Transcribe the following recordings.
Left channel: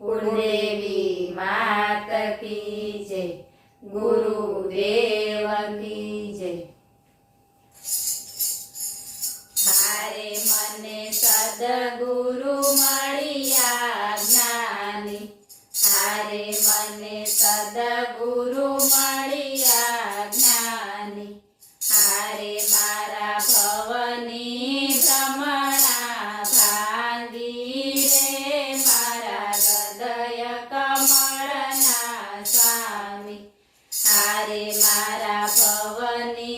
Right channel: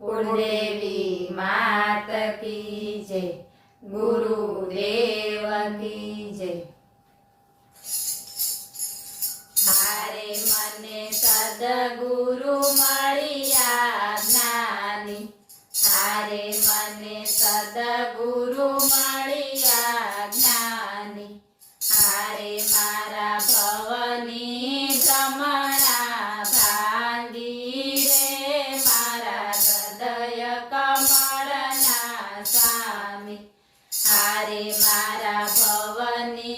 कुलदेवी मात की जय, गुरुदेव की जय। हारे मने सद्गुरु मळिया ज्ञानी, हारे मने सद्गुरु मळिया ज्ञानी, हारे मारा भवनी भ्रमणा भांगी रे मारा हृदय कमळना स्वामी, हारे मारा भवनी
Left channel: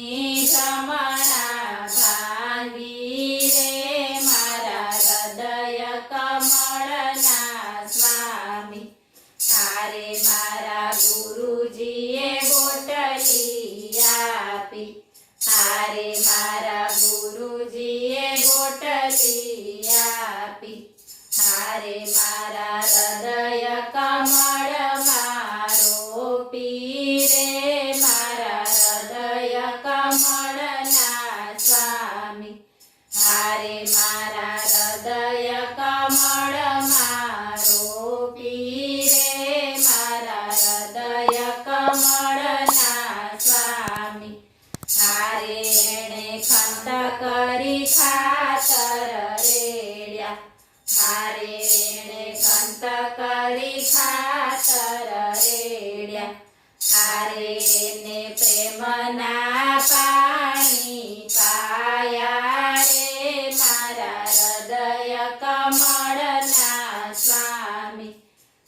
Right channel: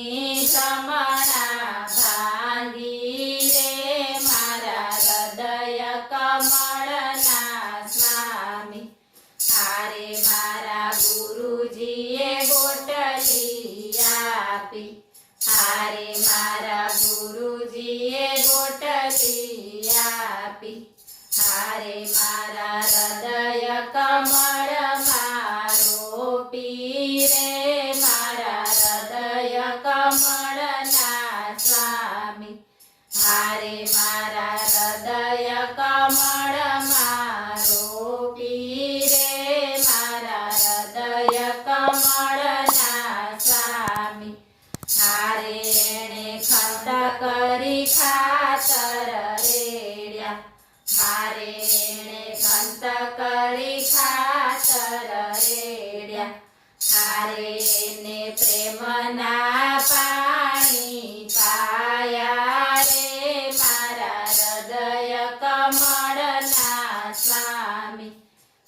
भ्रमणा भांगी रे मारा हृदय कमळना स्वामी, हारे मारा गुरुजीए गोटली आपी, हारे मारा गुरुजीए गोटली आपी, हारे मारा हृदय कमळ मारो पीरे मारा हृदय कमळना स्वामी, हारे मारा हृदय कमळ मारो पीरे मारा हृदय कमळना स्वामी, हारे एणे खंत करी खातर रेड्या, हारे एणे खंत करी खातर रेड्या, हारे एने प्रेमना पाणी पाया रे मारा हृदय कमळना स्वामी,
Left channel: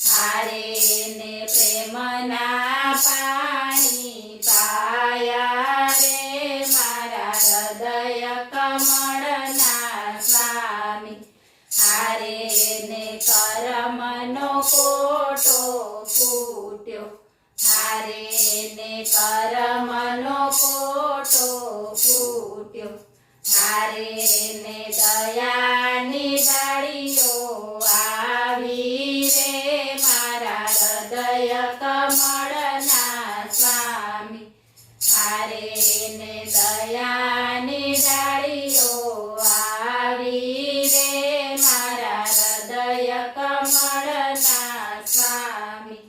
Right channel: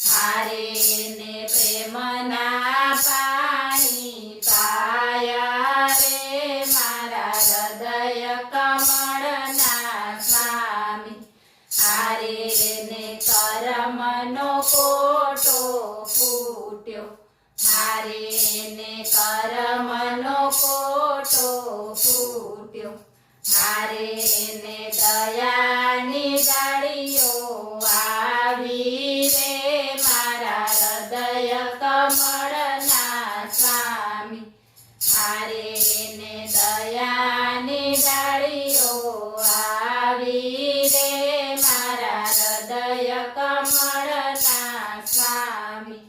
हारे एने प्रेमना पाणी पाया रे मारा हृदय कमळना स्वामी, हारे एने कर्मनो कोटो फूट्यो, हारे एने कर्मनो कोटो फूट्यो, हारे एने दयानी डाळीओ आवी रे मारा हृदय कमळना स्वामी, हारे एने दयानी डाळीओ आवी रे मारा हृदय कमळना स्वामी,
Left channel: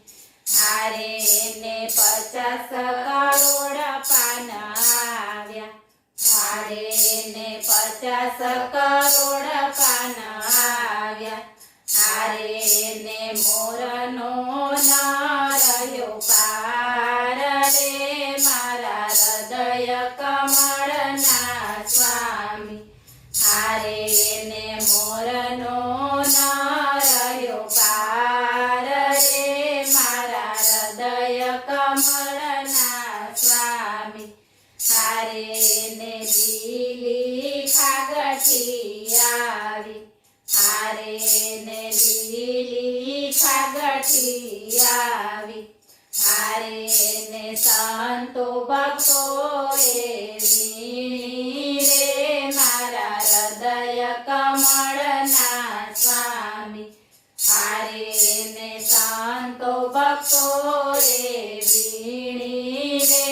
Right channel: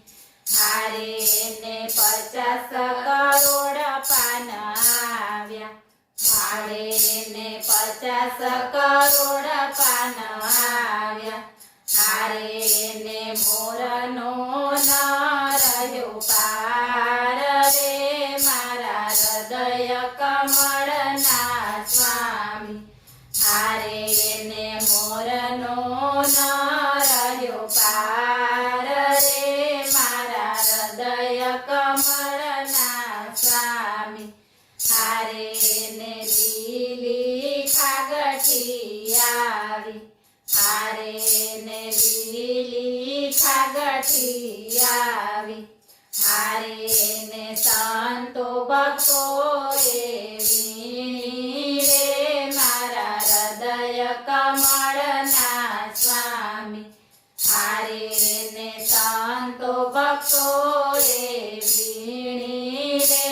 हारे एने 50 करोड पान आव्या, हारे एने 50 करोड पान आव्या, हारे एने मोरनो न रह्यो पार रे मारा हृदय कमळना स्वामी, हारे एने मोरनो न रह्यो पार रे मारा हृदय कमळना स्वामी, हारे एने લીલી ખાગઠી આવી, હારે એને લીલી ખાગઠી આવી, હારે એને સંતો ભક્તોએ વીણી રે મારા હૃદય કમળના સ્વામી, હારે એને સંતો ભક્તોએ વીણી રે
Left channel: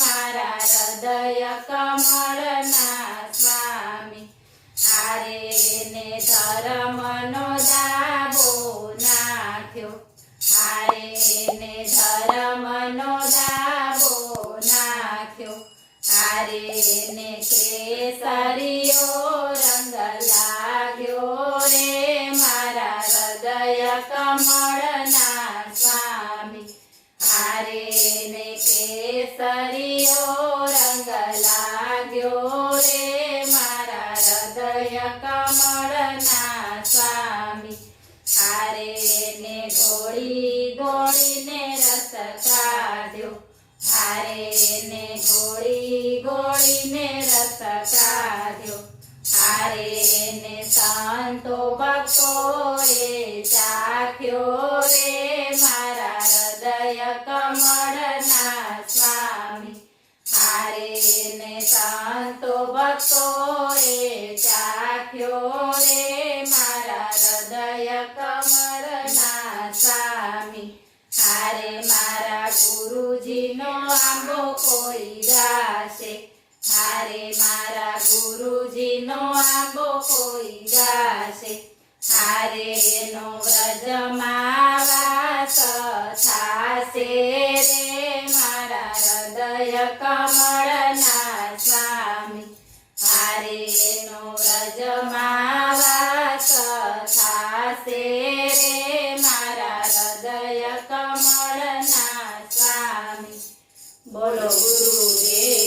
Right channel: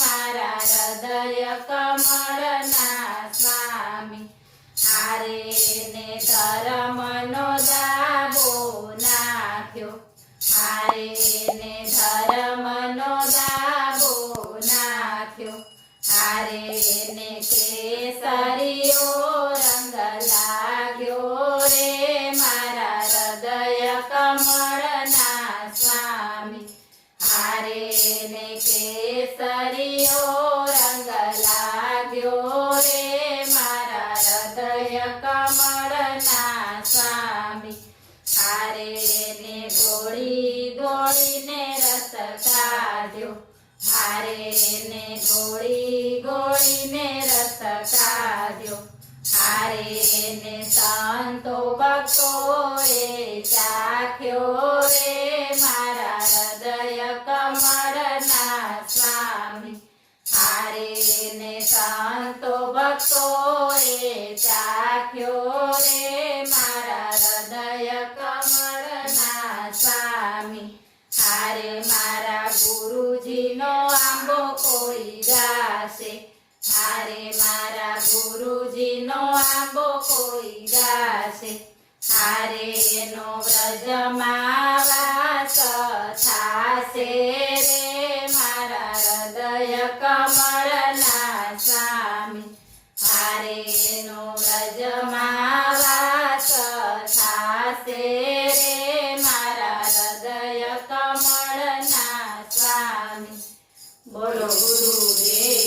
મારા હૃદય કમળના સ્વામી, હારે એને ધર્મનો દાબો નાખ્યો, હારે એને ધર્મનો દાબો નાખ્યો, હારે એને કેસરીઓ રંગ લાગ્યો રે મારા હૃદય કમળના સ્વામી, હારે એને કેસરીઓ રંગ લાગ્યો રે મારા હૃદય કમળના સ્વામી, હારે એને ગોળી ગોળીને રસ કાઢ્યો, હારે એને ગોળી ગોળીને રસ કાઢ્યો, હારે એને સંતો ભક્તોએ ચાખ્યો રે મારા હૃદય કમળના સ્વામી, હારે એને સંતો ભક્તોએ ચાખ્યો રે મારા હૃદય કમળના સ્વામી, હારે મારા ગુરુજીનો આંબો કોઈ ગાશે, હારે મારા ગુરુજીનો આંબો કોઈ ગાશે, હારે એનો વ્રજમાં વાસ થાશે રે મારા હૃદય કમળના સ્વામી. હારે એનો વ્રજમાં વાસ થાશે રે મારા હૃદય કમળના સ્વામી. બોલો ગુરુદેવ